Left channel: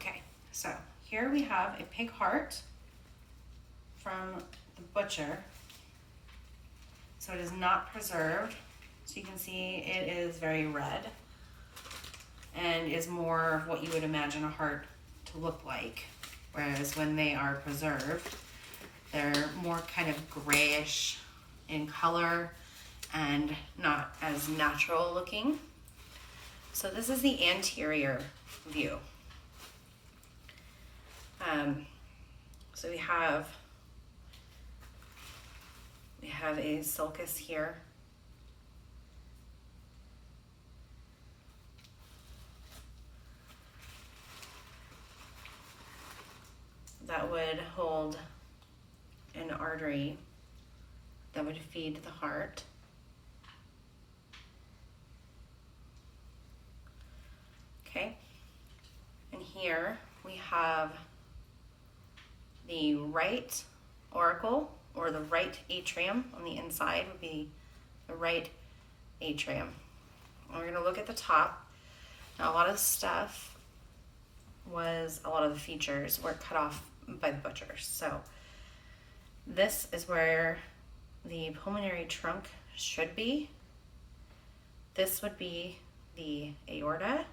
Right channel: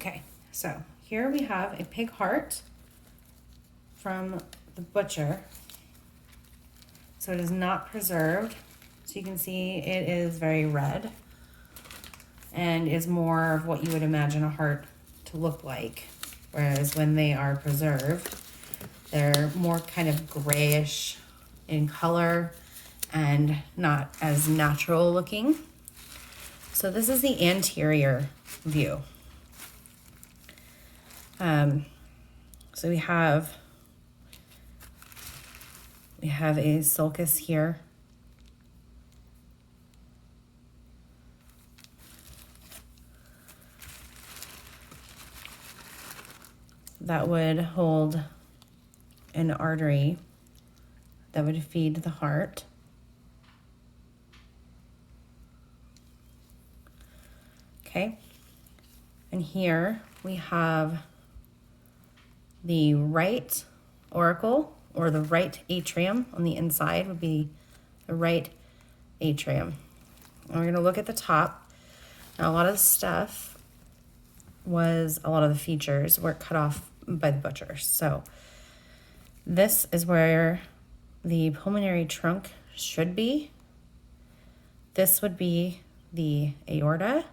Okay, so here we have a pig heart from the butcher. So it is not preserved. So you can see it is very red and is more of what you would imagine a heart to look like. Whereas when they are preserved, they're more kind of grayish in color and not as natural looking. So this is the anterior view. So we have a sulcus here. That would hold an artery that would feed the heart. Okay, and here we have the right auricle, or the right atrium. On the inside would be the right atrium. And we're going to look at the top. Now, a lot of the stuff a lot of the features were cut off by the butcher. So this is where the pulmonary trunk should be. This would be the aorta.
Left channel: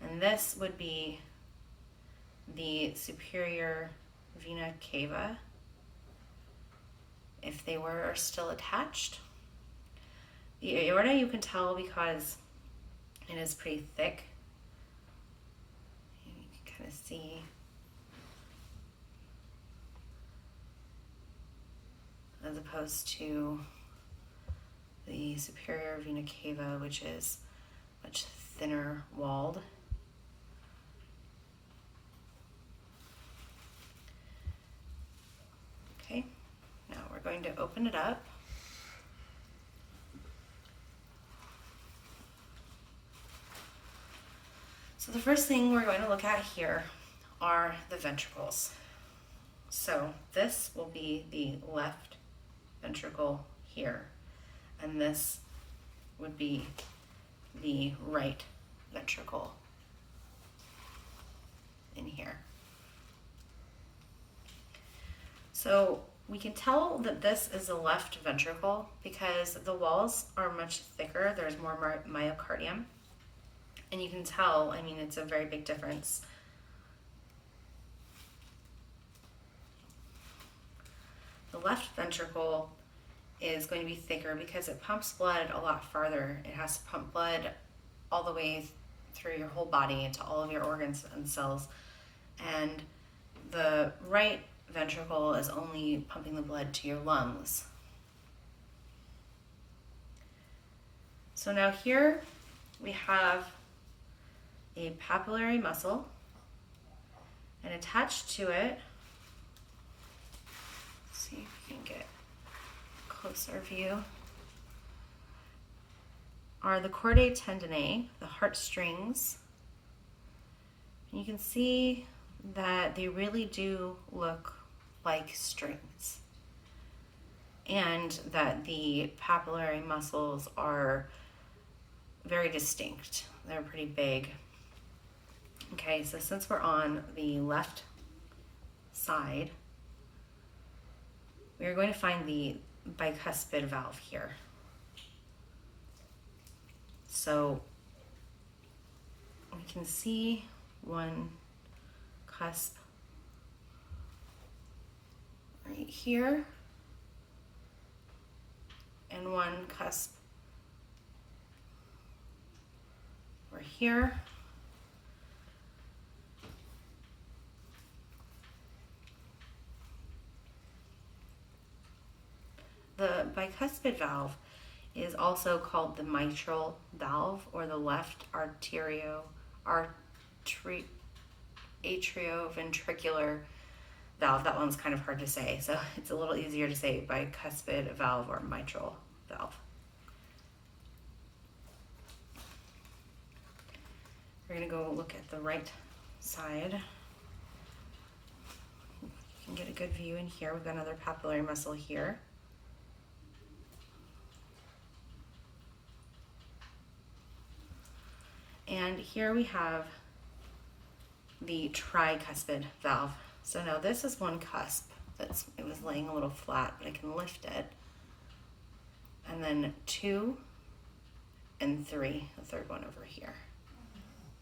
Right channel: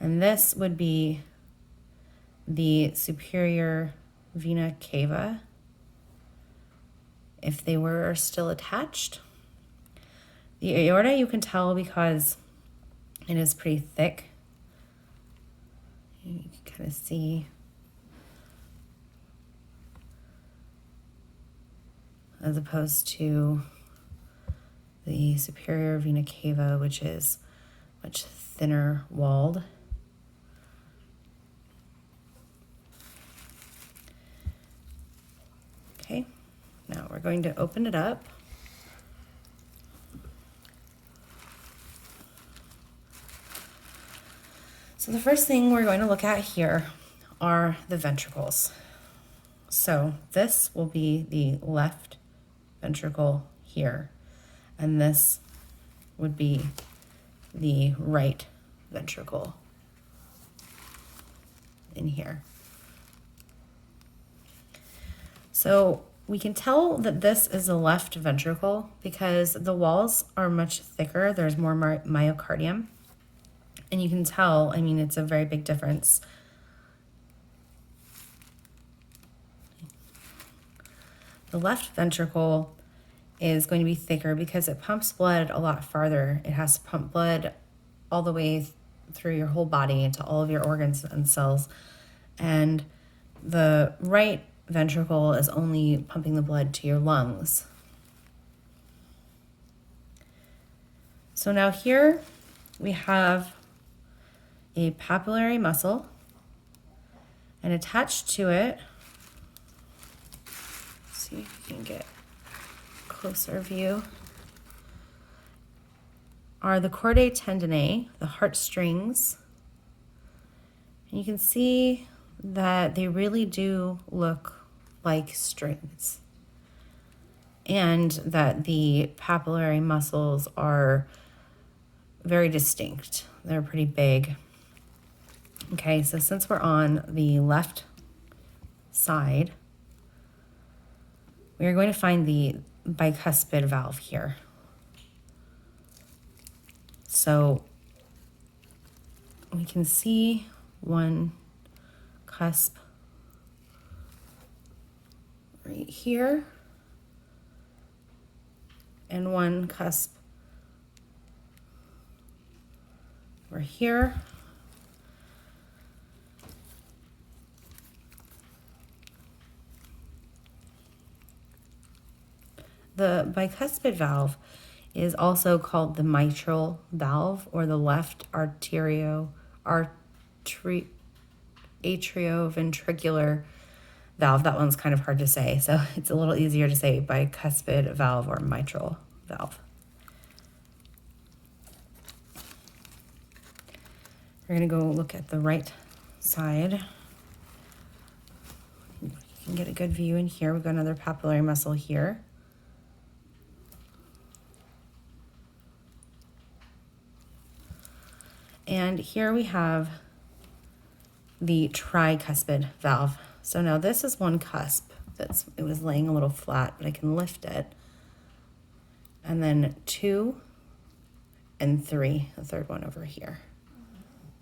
And this would be the superior vena cava, if they were still attached. The aorta you can tell because it is pretty thick. You can kind of see as opposed to the superior vena cava, which is much thinner walled. Okay, now we're going to open it up. So the first thing we're going to look at here are the ventricles. So this will be the left ventricle here, and this would be the right ventricle in here. So we can tell that this is the left ventricle because the walls are much thicker. There's more myocardium. And you can tell, I mean, it's a very big difference. The left ventricle is going to be thicker because it pumps blood a lot farther. It has to pump blood all the way through your whole body into all of your organs and cells. And the right ventricle is only pumping the blood to your lungs. So now here we have a papillary muscle, and attached to it, let's see if you can get a closer view, are the chordae tendineae, the heartstrings. And you can see that they really do look like strings, and that the papillary muscles are very distinct. They're pretty big. Okay, so since we're on the left side, we are going to find the bicuspid valve here. So we can see one cusp right here and one cusp over here. The bicuspid valve is also called the mitral valve, or the left atrioventricular valve. That one's kind of hard to say, so it's a little easier to say bicuspid valve or mitral valve. We're going to go look at the right side. You can get a good view in here. We've got another papillary muscle here. And here we have the tricuspid valve. So now this is one cusp it was laying a little flat, but I can lift it. And then 2 and 3, the third one over here.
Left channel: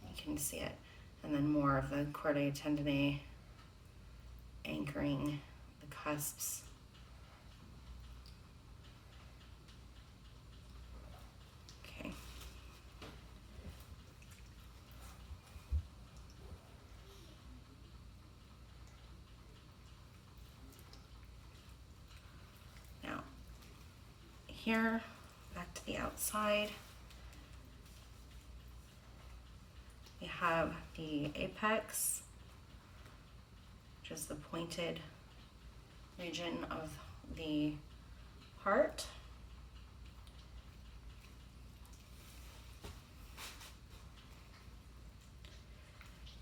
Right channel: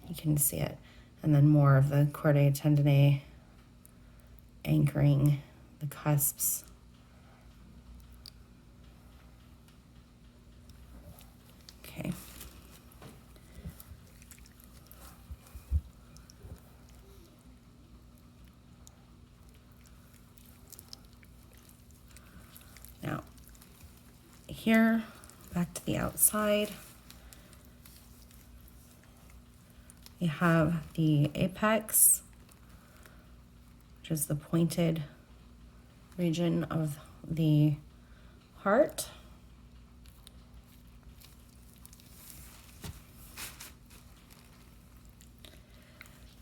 You can see it. And then more of the chordae tendineae anchoring the cusps. Okay. Now, here, back to the outside, we have the apex, which is the pointed region of the heart.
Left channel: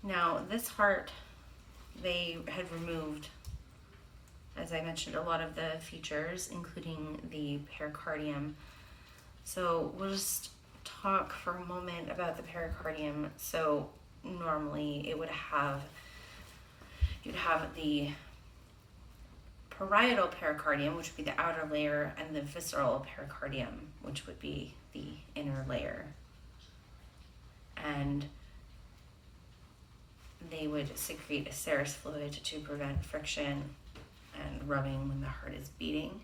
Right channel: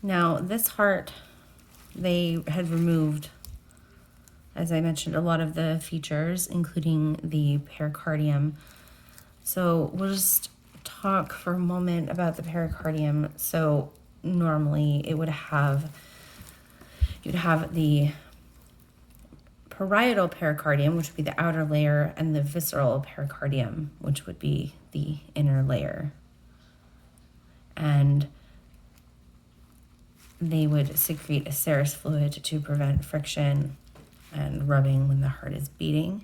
Now, this heart, they had removed, as I mentioned, a lot of the features, including the pericardium. So we'll just talk for a moment about the pericardium. So normally you'd have the parietal pericardium, which would be the outer layer, and the visceral pericardium, which would be the inner layer. And they would secrete a serous fluid to prevent friction and rubbing when the heart is beating.